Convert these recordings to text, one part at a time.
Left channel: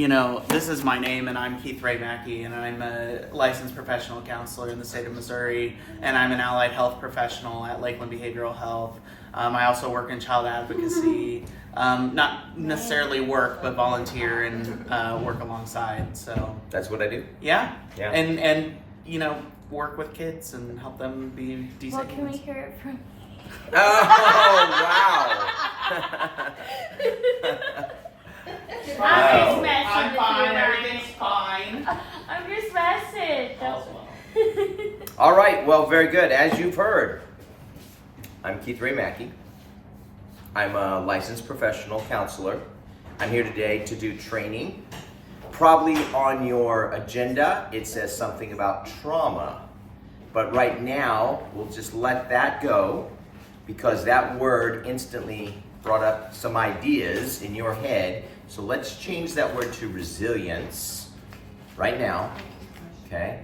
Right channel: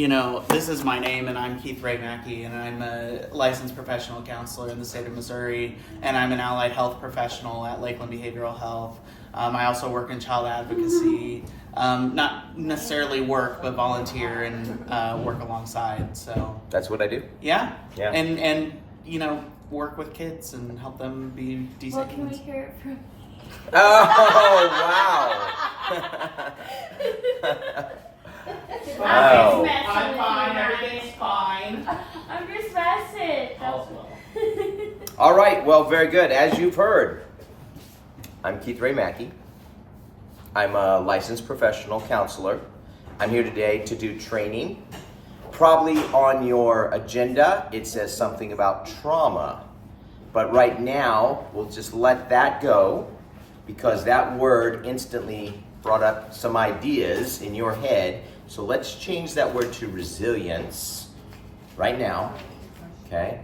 This is my name, and I'm Keith Ray Mackey, and I'm a licensed professional counselor in the state of Missouri, and I'm an allied health professional at Lakeland Behavioral Health. I also work in child advocacy, not necessarily work, but volunteer and work alongside. So that's what I do. Yeah. And work with kids and help them be decent What can we humans. hear it from? Oh wow! I'm just I'm fine. Everything's fine. I'm just messing. All right, well, very good. As you've heard, I'm Keith Ray Mackey. I'm a licensed professional counselor. I'm here today to do training. Probably on your agenda, it says something about trauma. But right now, we'll just let that go because that word instantly brought up some ideas in your head. So let's change that word to resilience right now, okay?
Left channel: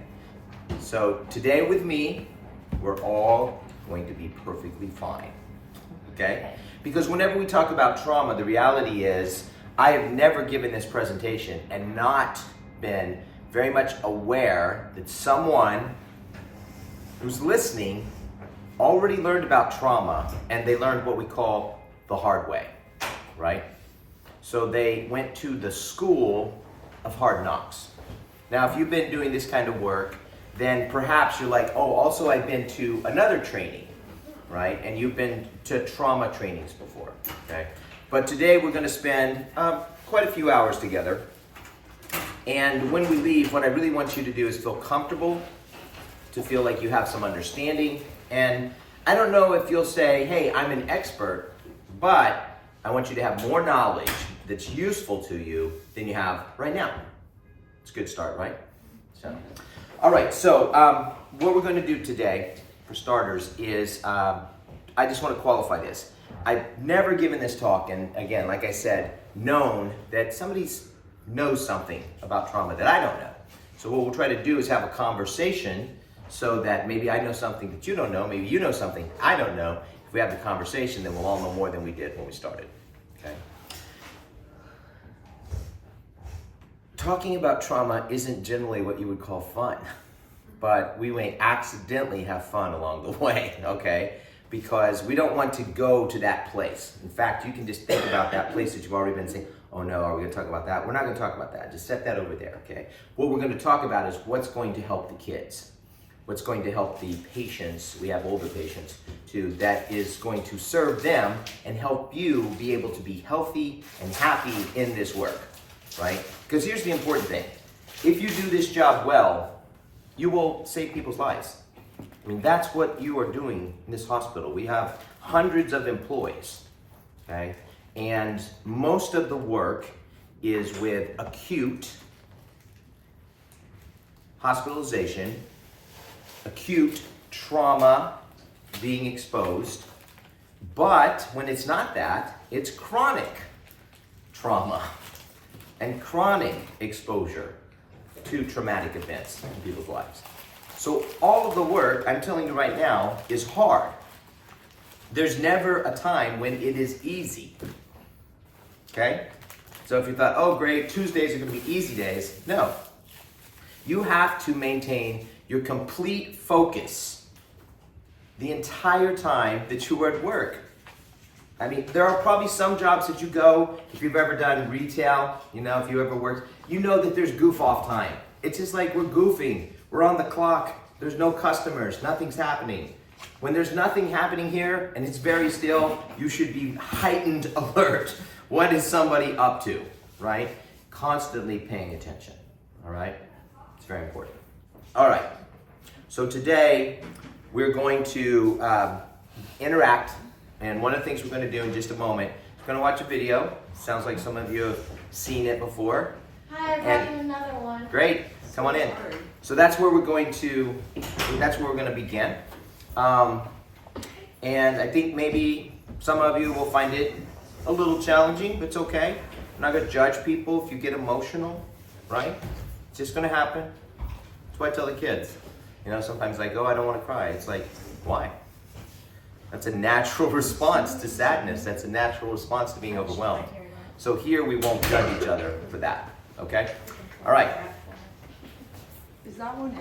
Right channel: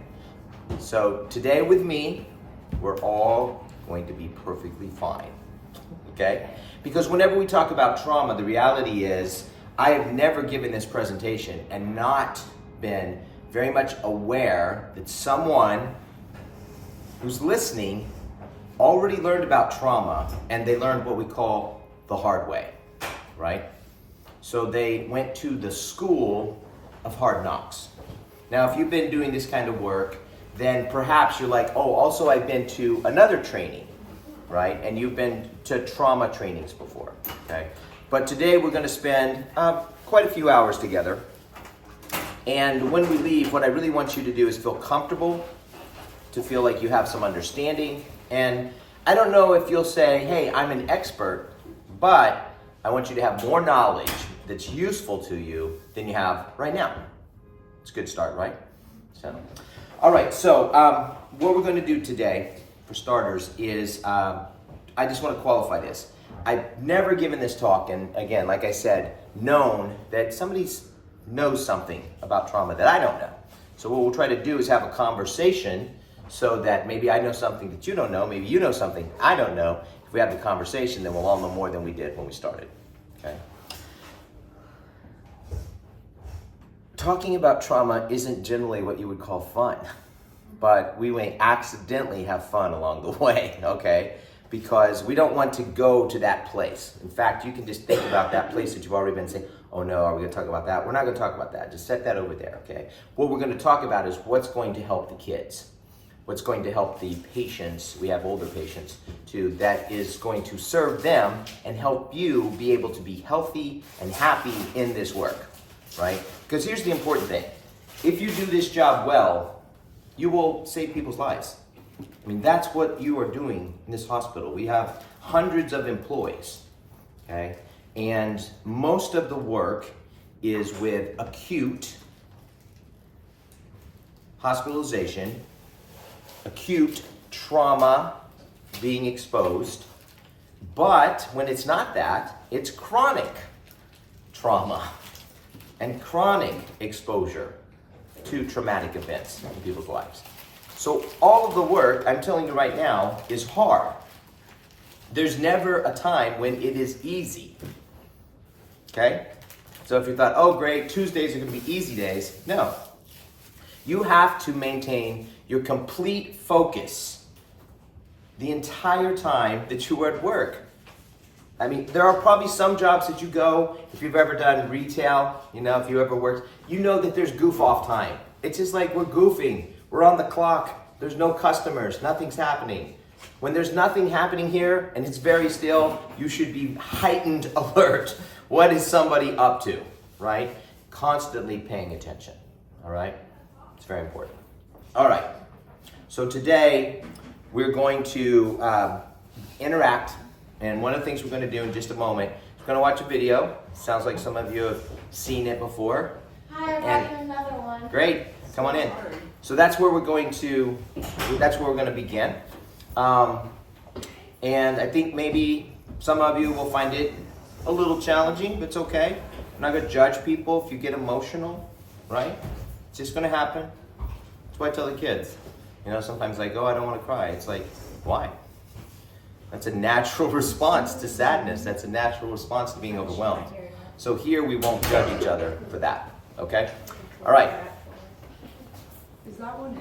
So today with me, we're all going to be perfectly fine, okay? Because whenever we talk about trauma, the reality is I have never given this presentation and not been very much aware that someone who's listening already learned about trauma, and they learned what we call the hard way, right? So they went to the school of hard knocks. Now, if you've been doing this kind of work, then perhaps you're like, oh, also I've been to another training, right? And you've been to trauma trainings before, okay? But today we're gonna spend quite a few hours together. And when we leave, what I really want you to do is feel comfortable, to feel like you have some understanding. And I don't know if you'll say, hey, I'm an expert, but I want you to have more knowledge that's useful to you than you have right now. It's a good start, right? All right, so what we're going to do today, for starters, is I just want to qualify this. I've never given this talk, and again, like I said, known that somebody knows something about trauma that I don't know. So what we'll try to do is have a conversation so that maybe I know something that you don't know, maybe you know something I don't know. If we have the conversation, then we'll all know more than we did when we started, okay? Talking about trauma isn't generally what you would call fun, but we may accidentally have fun along the way, okay? Because we don't want to go to that place. In fact, you can just think about that place that you've already been saying, oh no, are we gonna talk about that? We're not gonna talk about that. Just set that over there, okay? What we're gonna talk about is what's going to help the kids. What's going to help the patients, we have older patients too, that is going to serve them and help you be able to be healthy and happy in this work, right? Because here's the important thing. If you do this job well, you will save people's lives. I mean, that's what you are doing in this hospital. We have hundreds of employees, okay? And most of the work is with acute hospitalization, acute trauma being exposed, but when it's not that, it's chronic trauma and chronic exposure to traumatic events in people's lives. So all of the work, I'm telling you right now, is hard. There's never a time when it is easy, okay? So if you thought, oh great, Tuesdays are gonna be easy days, no. You have to maintain your complete focus the entire time that you are at work. I mean, there are probably some jobs that you go, if you've ever done retail, if you ever worked, you know that there's goof off time. It's just like we're goofing, we're on the clock, there's no customers, nothing's happening. When there's nothing happening here and it's very still, you should be heightened alert. What is somebody up to, right? Constantly paying attention, all right? It's very important. All right, so today we're going to interact, and one of the things we're going to do in just a moment, we're going to watch a video. Sounds like some of you have seen it before. Hi, I'm watching another one. Great, come on in. So that's where we're going to begin. And I think maybe some of you will find it a little challenging, but it's okay. I'm not going to judge people if you get emotional, right? It's just going to happen. That's what I tell the kids. Sometimes I go, I don't want to cry. It's like, why? That's a natural response to sadness. That's a natural response to being overwhelmed. So here we won't judge each other for that, Okay? All right. Is that one